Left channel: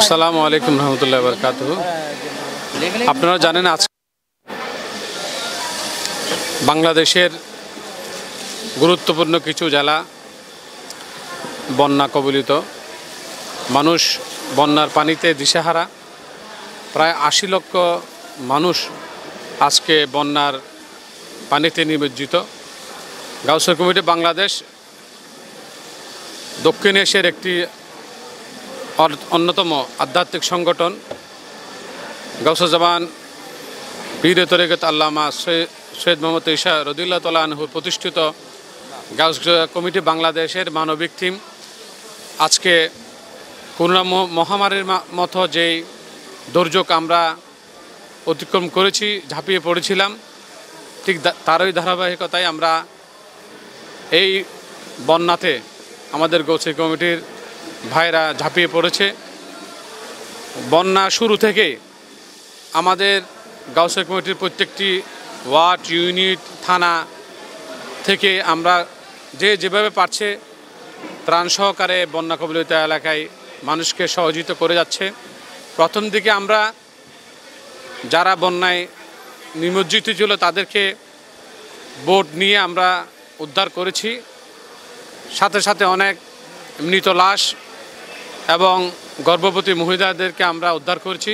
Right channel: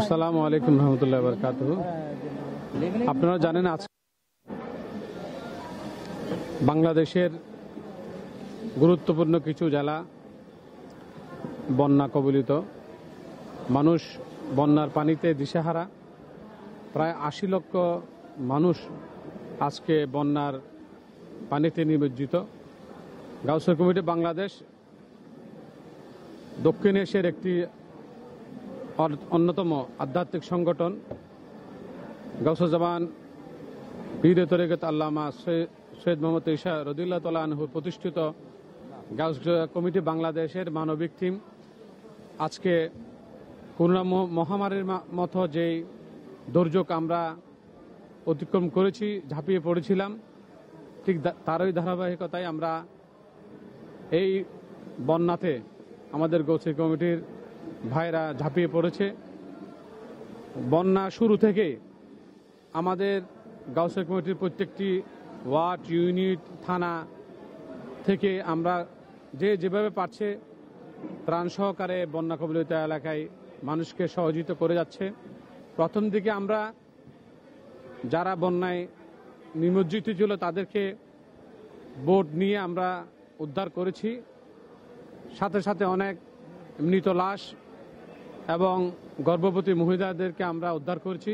আসসালামু আলাইকুম রহমতুল্লাহ বরকাতুহু। আপনারা জানেন আজ বাংলাদেশের গুরুত্বপূর্ণ কিছু জেলা বন্যা কবলিত, মানুষ বন্যার পানিতে দিশেহারা। প্রায় ৮০ লক্ষ মানুষ আজকে বন্যার পানিতে নিমজ্জিত। গাউসিয়া কমিটি বাংলাদেশ দক্ষিণ এশিয়ার একটি অন্যতম আধ্যাত্মিক সংগঠন। গাউসুল জামান পীর তরিকত আল্লামা সৈয়দ মোহাম্মদ ঈসা রাদিয়াল্লাহু তাআলা আনহু প্রতিষ্ঠিত গাউসিয়া কমিটি বাংলাদেশের মানবিক টিম আজকে করোনা মহামারীর মতো যেই দুর্যোগ আমরা অতিক্রম করেছি, ঝাঁপিয়ে পড়েছিলাম, ঠিক তারই ধারাবাহিকতায় আমরা এই বন্যাতে আমাদের গাউসিয়া কমিটির ভাইরা ঝাঁপিয়ে পড়েছে। বন্যা শুরু থেকে আমাদের গাউসিয়া কমিটির প্রত্যেকটি ওয়ার্ড, ইউনিট, থানা থেকে আমরা যেভাবে পারছে ত্রাণ সহকারে বন্যা কবলিত এলাকায় মানুষকে সহযোগিতা করে যাচ্ছে। প্রথম দিকে আমরা যারা বন্যায় নিমজ্জিত ছিল তাদেরকে বোট নিয়ে আমরা উদ্ধার করেছি, সাথে সাথে অনেক মৃত লাশ এবং গর্ভবতী মহিলাদেরকে আমরা উদ্ধার করেছি।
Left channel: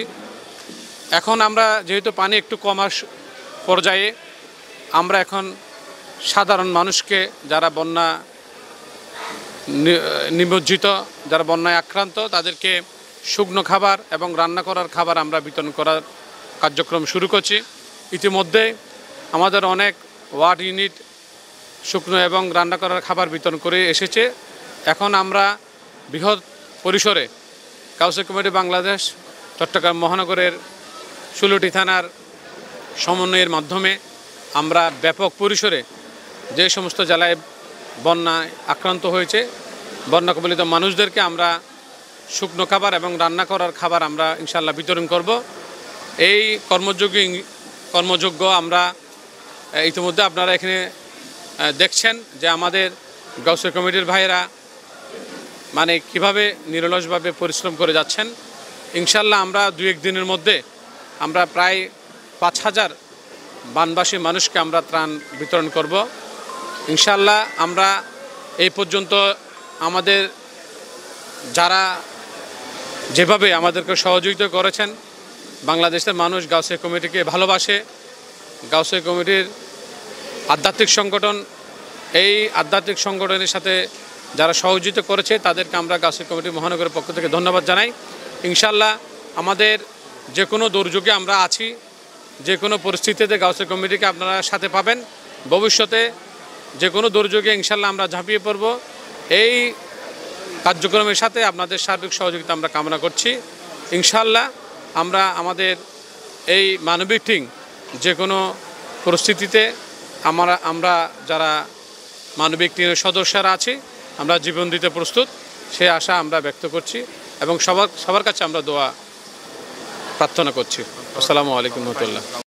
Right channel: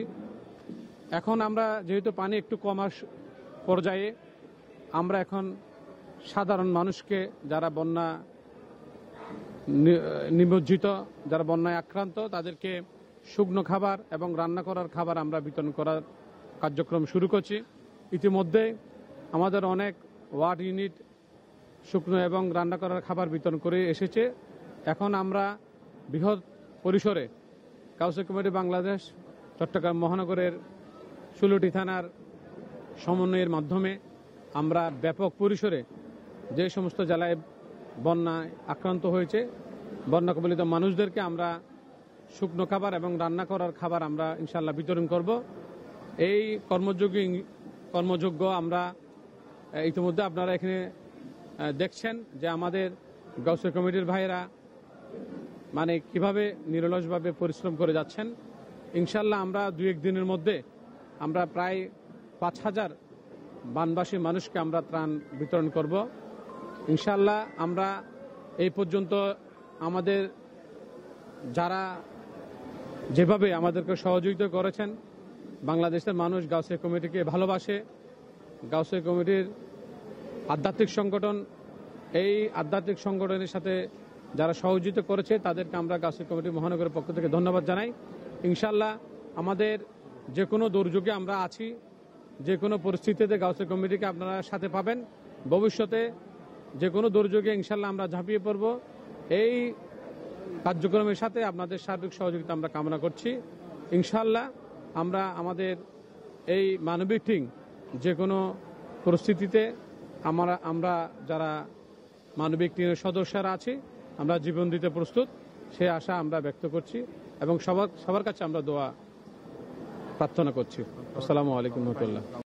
এখন আমরা যেহেতু পানি একটু কমার পর্যায়ে, আমরা এখন সাধারণ মানুষকে যারা বন্যা নিমজ্জিত, যারা বন্যায় আক্রান্ত, তাদেরকে শুকনো খাবার এবং রান্না করার খাবার আমরা বিতরণ করার কার্যক্রম শুরু করছি। ইতিমধ্যে আমাদের অনেক ওয়ার্ড ইউনিট শুকনো এবং রান্না করার খাবার বিতরণ করে এসেছে। এখন আমরা বৃহৎ পরিসরে গাউসিয়া কমিটি বাংলাদেশ চট্টগ্রাম মহানগরের ১৬টি থানার সমন্বয়ের মাধ্যমে আমরা ব্যাপক পরিসরে যে সমস্ত জেলায় বন্যায় আক্রান্ত হয়েছে বন্যা কবলিত মানুষদেরকে আমরা শুকনো খাবার এবং রান্না করার খাবার আমরা ইনশাল্লাহ বিতরণ করব। এই কর্মযোগ্য আমরা ইতিমধ্যে আপনারা এখানে দেখছেন যে আমাদের গাউসিয়া কমিটির ভাইয়েরা মানে কিভাবে নিরলসভাবে পরিশ্রম করে যাচ্ছেন। ইনশাল্লাহ আমরা ২-১ দিনের মধ্যে আমরা প্রায় ৫,০০০ বানবাসী মানুষকে আমরা ত্রাণ বিতরণ করব ইনশাল্লাহ। আমরা এই পর্যন্ত আমাদের যারা যেভাবে আমাদেরকে সহযোগিতা করেছেন, বাংলাদেশের মানুষ গাউসিয়া কমিটিকে ভালোবাসে। গাউসিয়া কমিটির আধ্যাত্মিক সংগঠন, এই আধ্যাত্মিক সংগঠনের সাথে যারা সহযোগিতা করেছে তাদেরকে আমরা গাউসিয়া কমিটি মহানগরের পক্ষ থেকে ধন্যবাদ জানাই। ইনশাল্লাহ আমাদের যে কোনো দুর্যোগে আমরা আছি, যে কোনো পরিস্থিতিতে গাউসিয়া কমিটিকে আপনারা সাথে পাবেন। ভবিষ্যতে যে কোনো দুর্যোগে ইনশাল্লাহ আমরা ঝাঁপিয়ে পড়ব। এই কার্যক্রমের সাথে আপনাদের সার্বিক সহযোগিতা আমরা কামনা করছি। ইনশাল্লাহ আমরা আমাদের এই মানবিক টিম যে কোনো পরিস্থিতিতে আমরা যারা মানবিক টিমের সদস্যরা আছি আমরা জীবন দিতে প্রস্তুত, সে আশা আমরা ব্যক্ত করছি এবং সবার কাছে আমরা দোয়া প্রার্থনা করছি। আসসালামু আলাইকুম রহমতুল্লাহ।